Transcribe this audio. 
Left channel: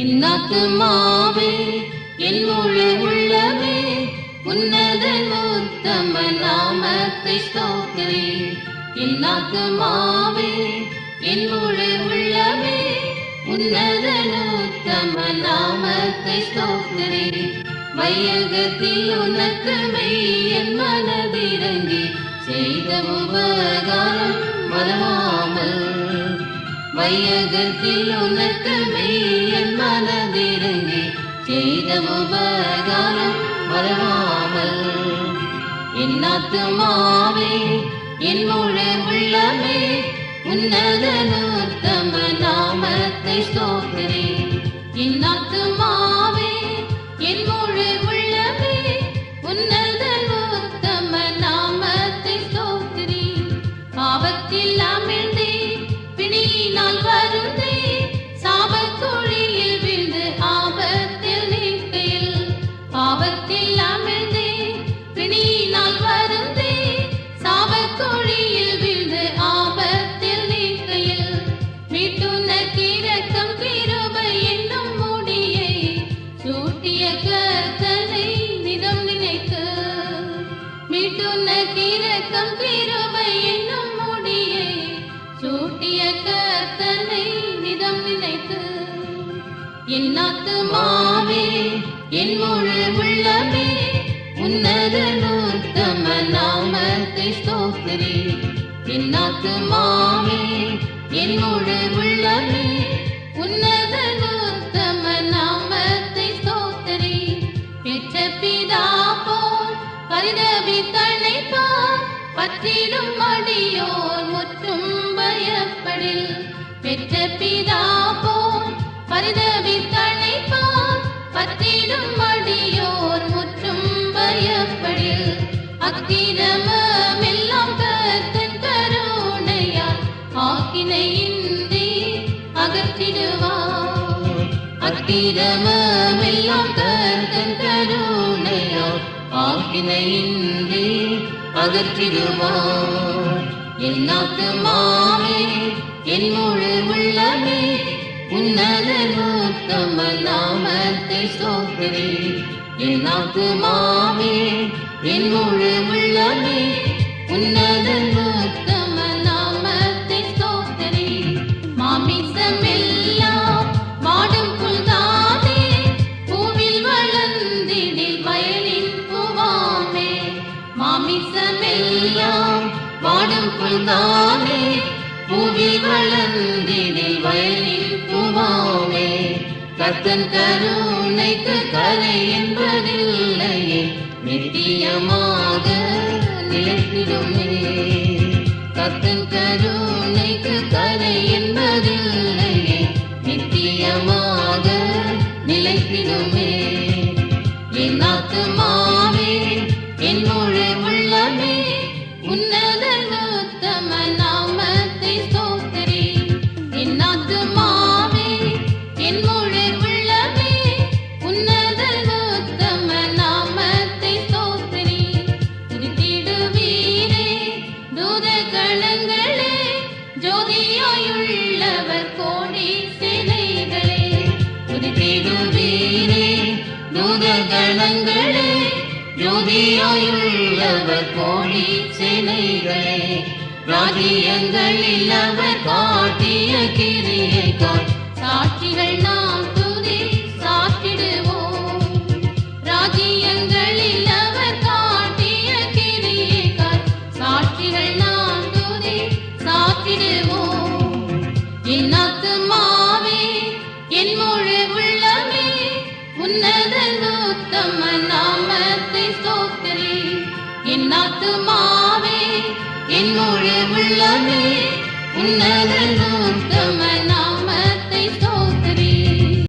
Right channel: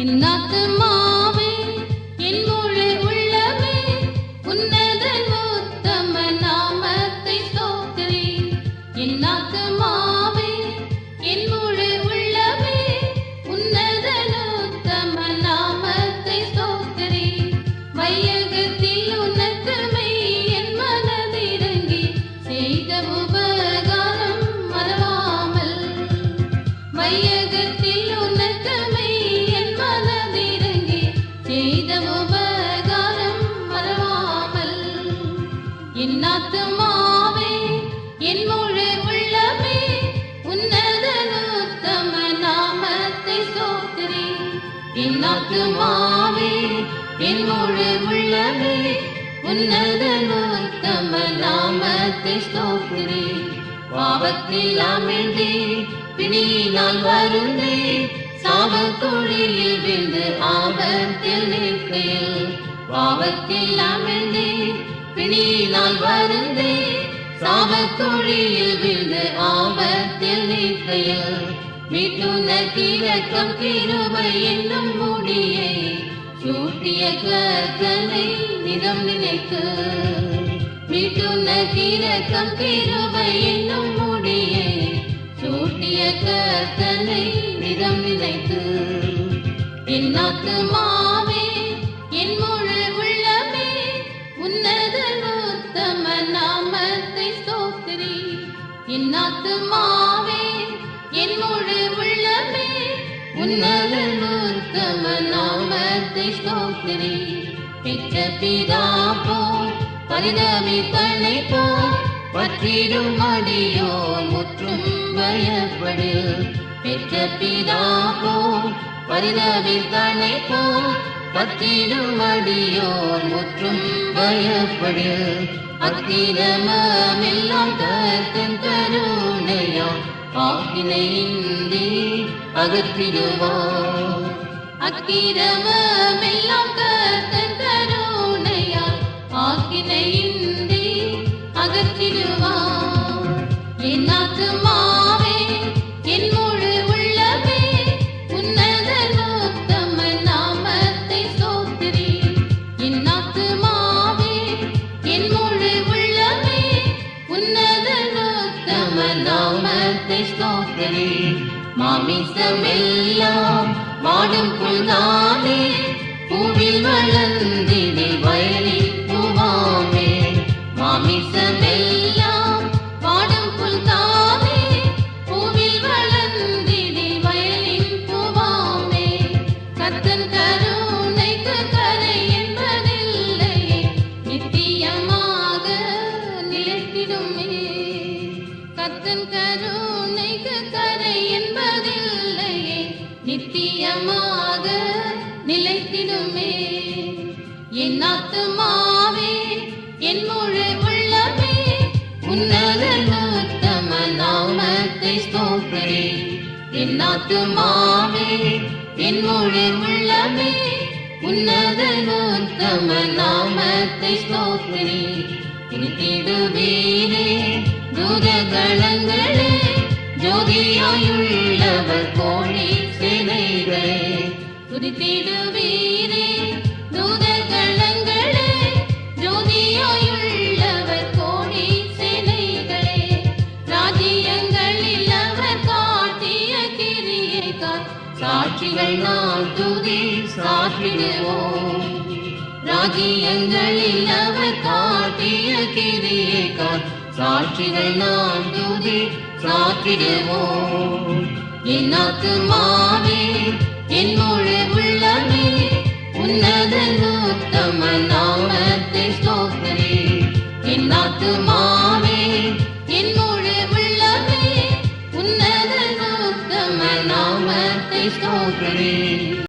என்னாத்துமாவே என் முழு உள்ளமே உன்னதன் உத்தம நாமத்தை ஸ்தோத்திரி. என்னாத்துமாவே என் முழு உள்ளமே உன்னதன் உத்தம நாமத்தை ஸ்தோத்திரி. வையகத்தில் உனக்கு என் மனதிறங்கி செய்த உபகாரம் மறவாமல். வையகத்தில் உனக்கு என் மனதிறங்கி செய்த உபகாரம் மறவாமல். என்னாத்துமாவே என் முழு உள்ளமே உன்னதன் உத்தம நாமத்தை ஸ்தோத்திரி. என்னாத்துமாவே என் முழு உள்ளமே உன்னதன் உத்தம நாமத்தை ஸ்தோத்திரி. பாவத்தில் அமிழ்ந்தே பிணியினால் வருந்தே சாபக்குழியில் விழுந்து ஆபத்தில் நிற்கையில். பாவத்தில் அமிழ்ந்தே பிணியினால் வருந்தே சாபக்குழியில் விழுந்து ஆபத்தில் நிற்கையில். மீட்டுனக்கு இரக்கம் கிருபை என்னும் முடியை சூட்டிய கர்த்தரின் நிதம் நினைத்து. மீட்டுனக்கு இரக்கம் கிருபை என்னும் முடியை சூட்டிய கர்த்தரின் நிதம் நினைத்து. என்னாத்துமாவே என் முழு உள்ளமே உன்னதன் உத்தம நாமத்தை ஸ்தோத்திரி. என்னாத்துமாவே என் முழு உள்ளமே உன்னதன் உத்தம நாமத்தை ஸ்தோத்திரி. பெற்ற பிதா போல் பரிதபித்தனை போல் பற்றிடும் அடியோர் முற்றும் பயப்படு. பெற்ற பிதா போல் பரிதபித்தனை போல் பற்றிடும் அடியோர் முற்றும் பயப்படு. அக்கிரமெல்லாம் கர்த்தன் கருணையால் ஆக்கினையின்றி அகற்றிடுவார். அக்கிரமெல்லாம் கர்த்தன் கருணையால் ஆக்கினையின்றி அகற்றிடுவார். என்னாத்துமாவே என் முழு உள்ளமே உன்னதன் உத்தம நாமத்தை ஸ்தோத்திரி. என்னாத்துமாவே என் முழு உள்ளமே உன்னதன் உத்தம நாமத்தை ஸ்தோத்திரி. மாமிசமெல்லாம் வாடும் புல்தானே பூவில் வளர்ந்திடு வயலில் பூவாமே. மாமிசமெல்லாம் வாடும் புல்தானே பூவில் வளர்ந்திடு வயலில் பூவாமே. கர்த்தன் கருணைக்கு கரை என்பதில்லையே நித்தியமாக நிலைத்திடுமே. கர்த்தன் கருணைக்கு கரை என்பதில்லையே நித்தியமாக நிலைத்திடுமே. என்னாத்துமாவே என் முழு உள்ளமே உன்னதன் உத்தம நாமத்தை ஸ்தோத்திரி. என்னாத்துமாவே என் முழு உள்ளமே உன்னதன் உத்தம நாமத்தை ஸ்தோத்திரி. திருத்திடுவீரே தூரகளங்களே ஜோதியாயுள்ளவர் கோழி சிலைகளே. திருத்திடுவீரே தூரகளங்களே ஜோதியாயுள்ளவர் கோழி சிலைகளே. ராஜ்யங்களில் அவர் காட்டிய கிரியைக்காய் சாட்சிகள் நாம் துதி சாற்றிடுவோம். ராஜ்யங்களில் அவர் காட்டிய கிரியைக்காய் சாட்சிகள் நாம் துதி சாற்றிடுவோம். என்னாத்துமாவே என் முழு உள்ளமே உன்னதன் உத்தம நாமத்தை ஸ்தோத்திரி. என்னாத்துமாவே என் முழு உள்ளமே உன்னதன் உத்தம நாமத்தை ஸ்தோத்திரி.